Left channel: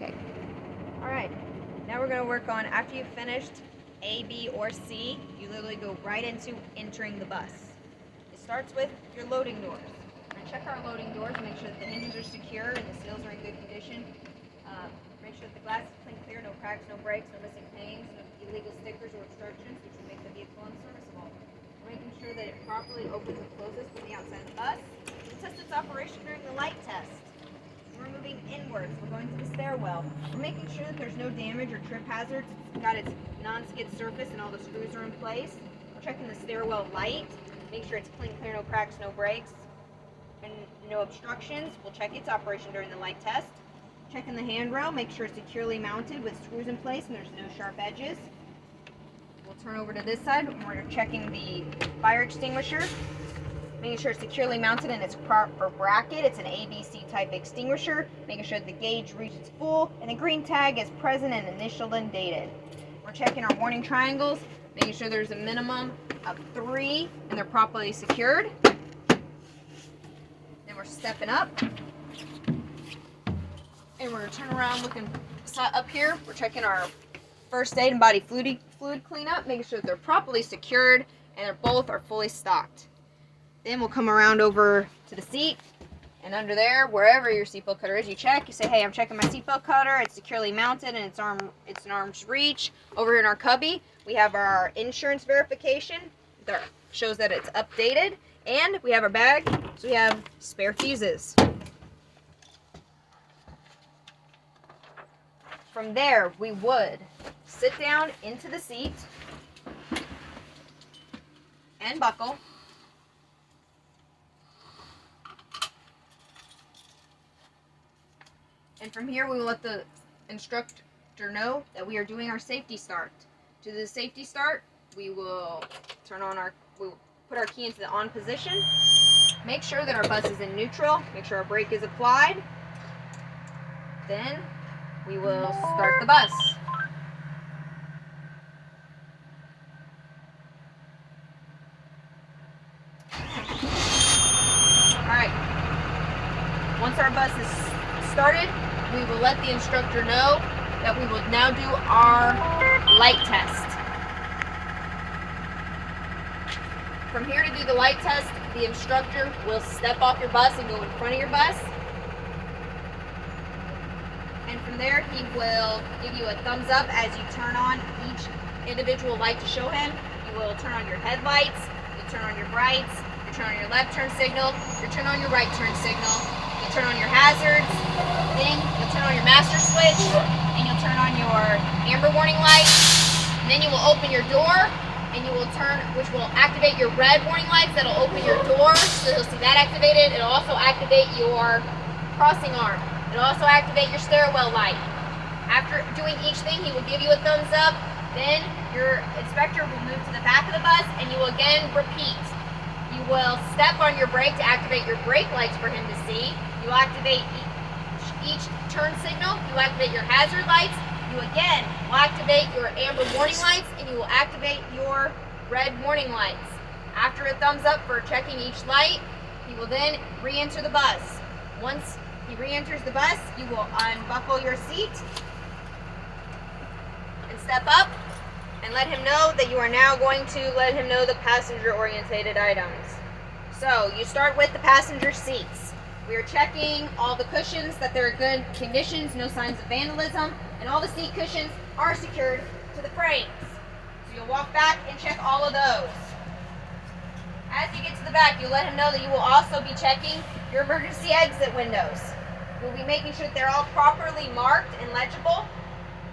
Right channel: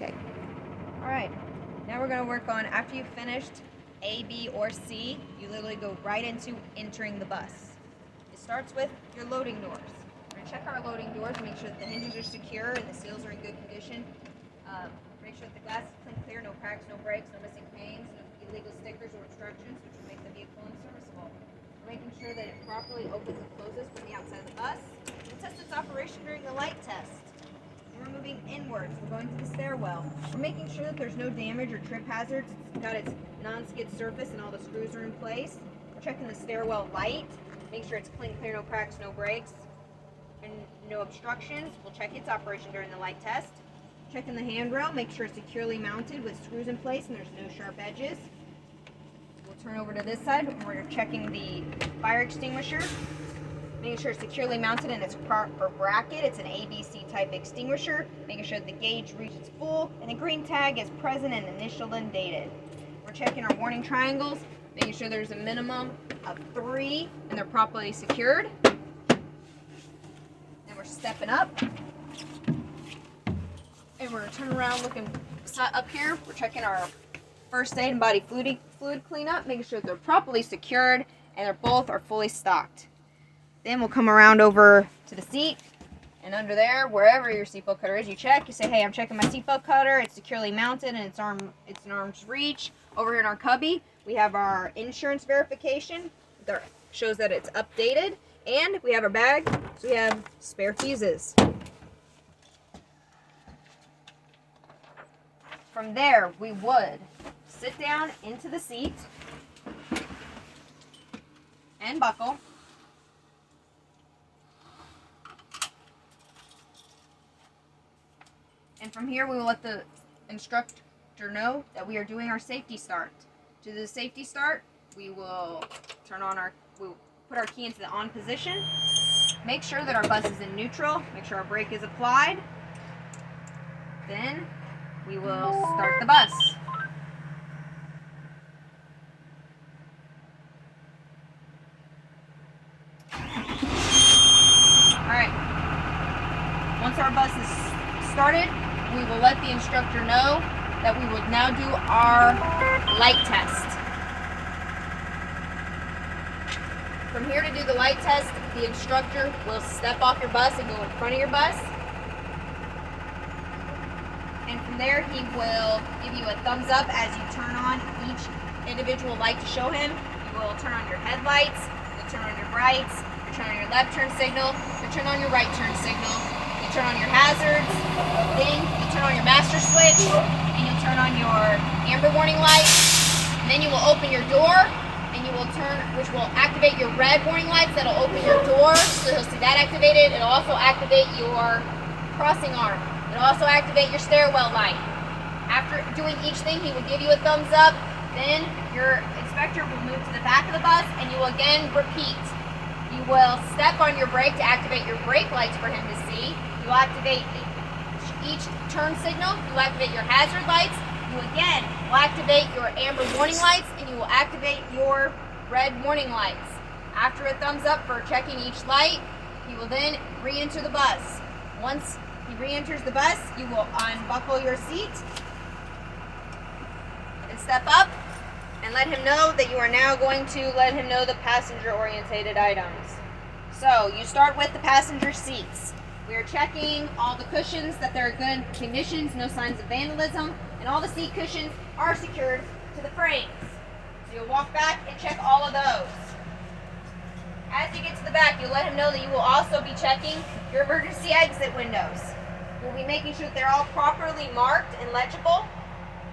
Okay. All right. Now we're going to work on, after you've finished A, B, or C, you literally go right into entering the bus. It starts with your loading doors. We're going to check our loading doors, make sure that the hinges are secure and the seals are in good condition. Make sure that the glass is clean, clear, no cracks, no breaks, no missing pangs, no illegal stickers or obstructions, which will make the vehicle unserviceable. We're making sure that it properly opens and closes from the outside of the bus. We'll test its operation during the light test. We're moving inwards. We're going to the stairwell. We're making sure that there's no damage or trip hazards. It's got its non-skid surface and all the screws are in place. We're checking the stairwell light. Make sure it's clean, clear, no cracks, no breaks, and no obstructions. We'll check its operation during the light test. Checking the handrail. Make sure it's securely mounted with screws in place and there's no sharp edges. We'll turn over to this side. We're checking the fire extinguisher. Making sure it's securely mounted in its proper bracket. It's an ABC type extinguisher. Making sure the gauge reaches full and a green tag is present and initialed and dated. We're checking our warning triangles, making sure there's a minimum of 3 and they're properly secured. Then we're stepping up. And we're going to turn around looking up here. We're checking our first aid and body fluid cleanup, making sure that they're properly secured and they're both are fully stocked. Then we'll come around over to the seat, and under there, wherever your seatbelt cutter is, you check. You say, hey, I'm checking my seatbelt cutter. It's securely mounted and it's an arm's reach. Over here in our cubby, we have our insurance verification that shows that it's updated, and we have our bag, so we have spare fuses. From there, we would sit down into the seat and buckle. And from here, we will let the instructor know that we are doing our safety start. To do the safety start, we will we'll put our key into the on position. Make sure that our bus is in neutral. Make sure our brake is applied. Then we will start the bus. Alright. Once our bus is started, we will let the instructor know that we will now do our light test. From here to do the light test, the instructor will step off your bus and go in front of your bus. And from there, he will give you a thumbs up as you turn on each individual light to show him. You will turn on your headlights, you'll turn on your brights, you turn on your left turn signal, you turn on your right turn signal, you turn on your hazards, then you'll turn on your master switch, and you'll turn on your amber warning light, and then you will open your door, and you will turn, which will activate your red warning lights that'll open your door, so you'll see that activated. It'll also activate your crossing arm. It'll also activate your stairwell light. After doing each thing, he will give you a thumbs up. Then your inspector will move to the back of the bus and you will again repeat. You will step on your brake to activate your brake lights for him to see. You will activate each turn signal. You will activate your hazard lights. You again will activate your amber warning lights and you will activate your red warning lights. After a thumbs up for checking each light, he will then re-enter the bus. Once he re-enters the bus, you will unbuckle your seat and step up and let him know that you are now going to let him know the passenger-oriented items. So you start with the passenger seats. We are checking all the cushions that they're in good conditions, no signs of vandalism, and all the seat cushions are secured to the frames. So you'll walk back and check all of those. As you get to the back, you'll let him know that you will also be checking your emergency exit windows. We'll be making sure that they're all properly marked and legible,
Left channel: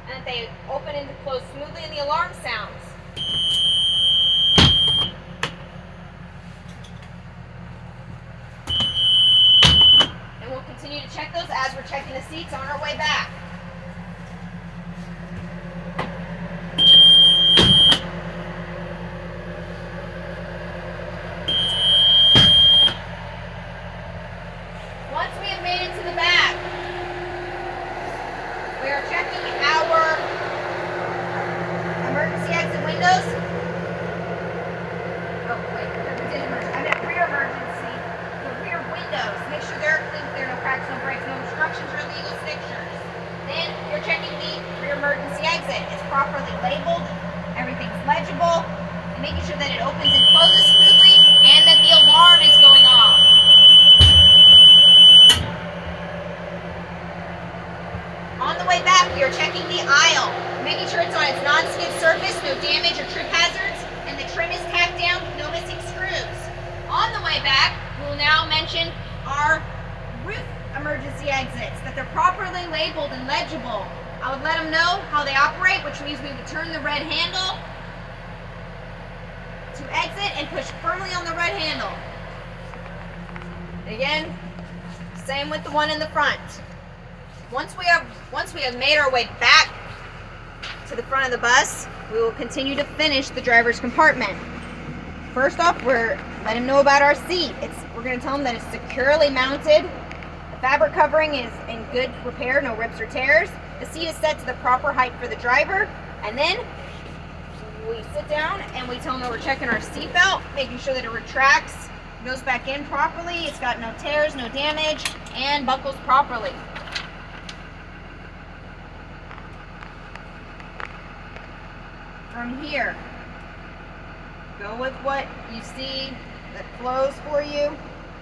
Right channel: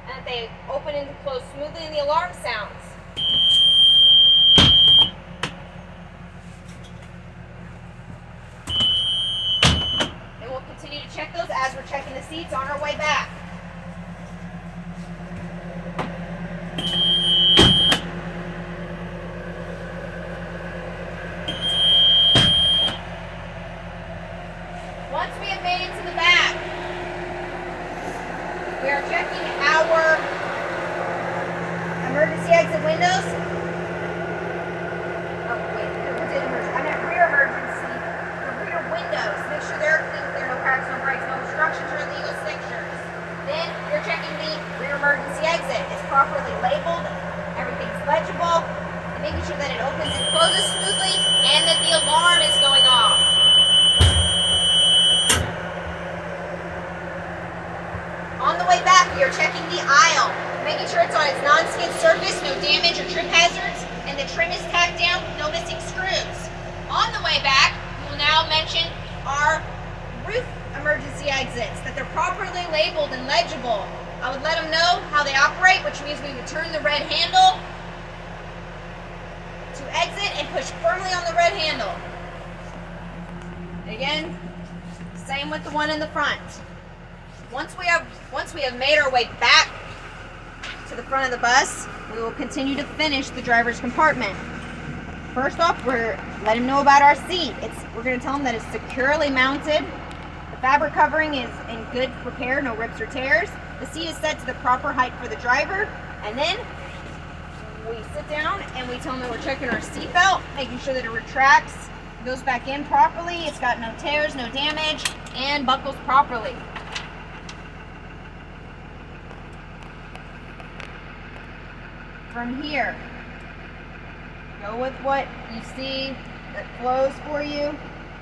and that they open and close smoothly and the alarm sounds. And we'll continue to check those as we're checking the seats on our way back. Once we have made it to the back, we are checking our emergency exit windows. Oh, wait, I meant rear emergency. The rear windows. Make sure they're clean, clear, no cracks, no breaks, no obstructions or illegal strictures. Then emergency exit. It's properly labeled, everything's legible, and making sure that it opens and closes smoothly and that the alarm is going off. On the way back, we are checking the aisle, making sure it's on its non-skid surface, no damage or trip hazards, and the trim is tacked down, no missing screws. On the way back, we will now mention our roof emergency exits, that they're properly labeled and legible. I would let them know how they operate, which means we would turn the red handle to exit and push firmly on the red handle. Again, same with the one in the front. Once we have made our way back to the front of the bus, we will continue to finish the driver's compartment. First off, we're letting them know about our seat. We're going to tell them that it's securely mounted. The fabric covering is in good repair, no rips or tears. The seat is set to the proper height for the driver, and then we sit down and we tell them that we're checking our seat belt, making sure that it retracts, goes back in properly, it's got no tears, no damage, and buckles properly. From here, go with what you see that flows for you.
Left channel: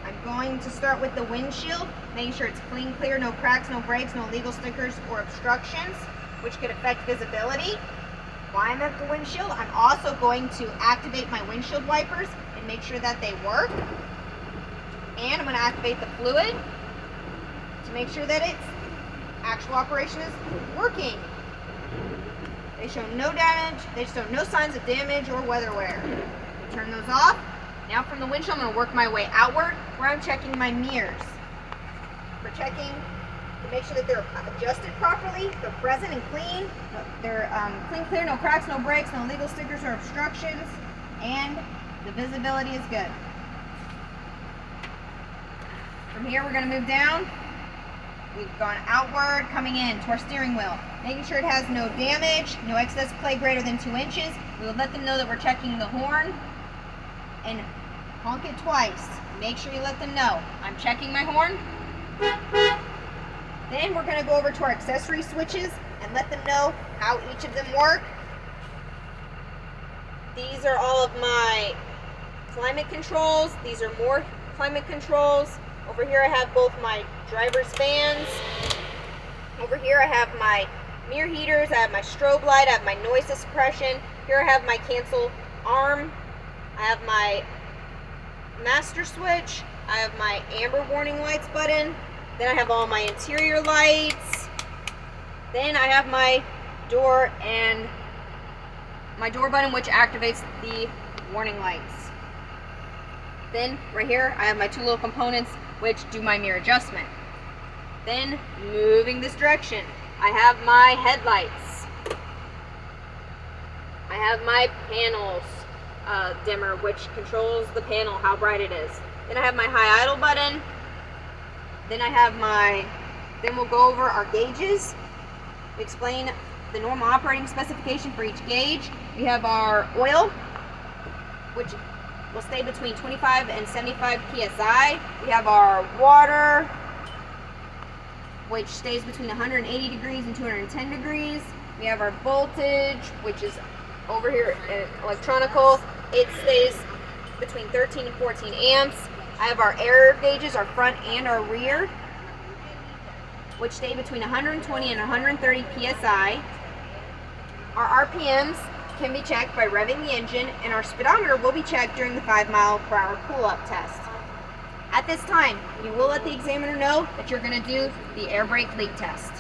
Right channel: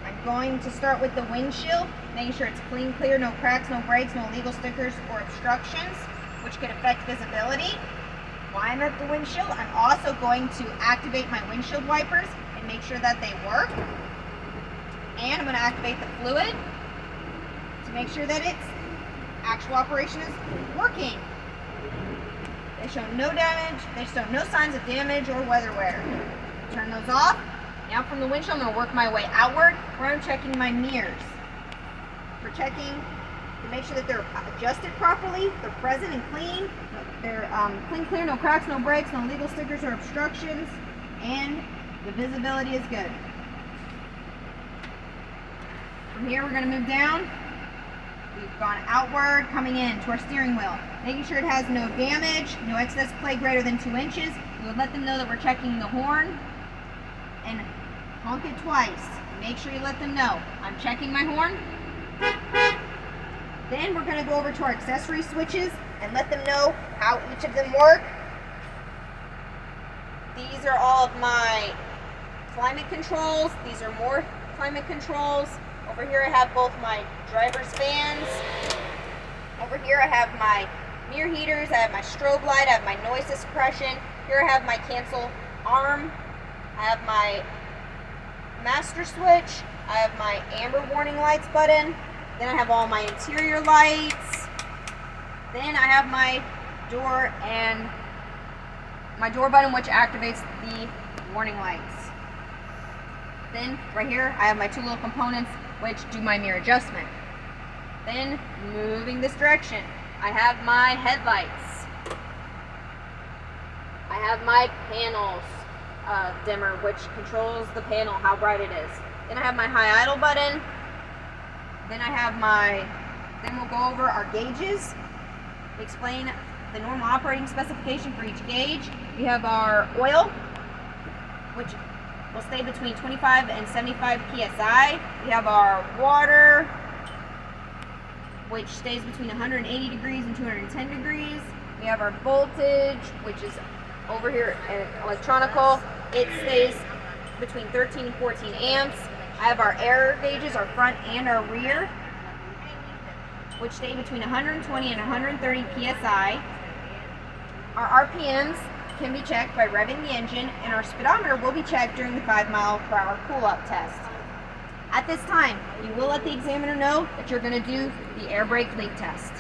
I'm going to start with the windshield, making sure it's clean, clear, no cracks, no breaks, no illegal stickers or obstructions, which could affect visibility. While I'm at the windshield, I'm also going to activate my windshield wipers and make sure that they work. And I'm going to activate the fluid to make sure that its actual operation is working. They show no damage, they show no signs of damage or weather wear. Turn those off. Now from the windshield, I'm going to work my way outward where I'm checking my mirrors. We're checking to make sure that they're adjusted properly, they're present and clean, they're clean, clear, no cracks, no breaks, no legal stickers or obstructions, and the visibility is good. From here, we're going to move down. We've gone outward, coming in to our steering wheel, making sure it has no damage, no excess play greater than 2 inches. We will let them know that we're checking the horn and honk it twice. Make sure you let them know I'm checking my horn. Then we're going to go over to our accessory switches and let them know how each of them work. These are all of my climate controls. These are more climate controls. Over here I have both my driver's fans. Over here I have my mirror heaters, I have my strobe light, I have my noise suppression. Here I have my cancel arm. I have my master switch. I have my amber warning lights button. Then I have all my interior lights. Then I have my door and my door button, which activates the warning lights. Then right here I have my 2 little components which do my mirror adjustment. Then moving this direction, I have my headlights. I have my panels dimmer, which controls the panel, how bright it is. Then I have my high idle button. Then we'll go over our gauges. We explain the normal operating specification for each gauge. We have our oil, which will stay between 25 and 75 psi. We have our water, which stays between 180 degrees and 210 degrees. We have our voltage, which is over here at electronical. It stays between 13 and 14 amps. I have our air gauges, our front and our rear, which stay between 120 and 130 psi. Our RPMs can be checked by revving the engine, and our speedometer will be checked during the 5 mile/per-hour pull-up test. At this time, you will let the examiner know that you're going to do the air brake leak test.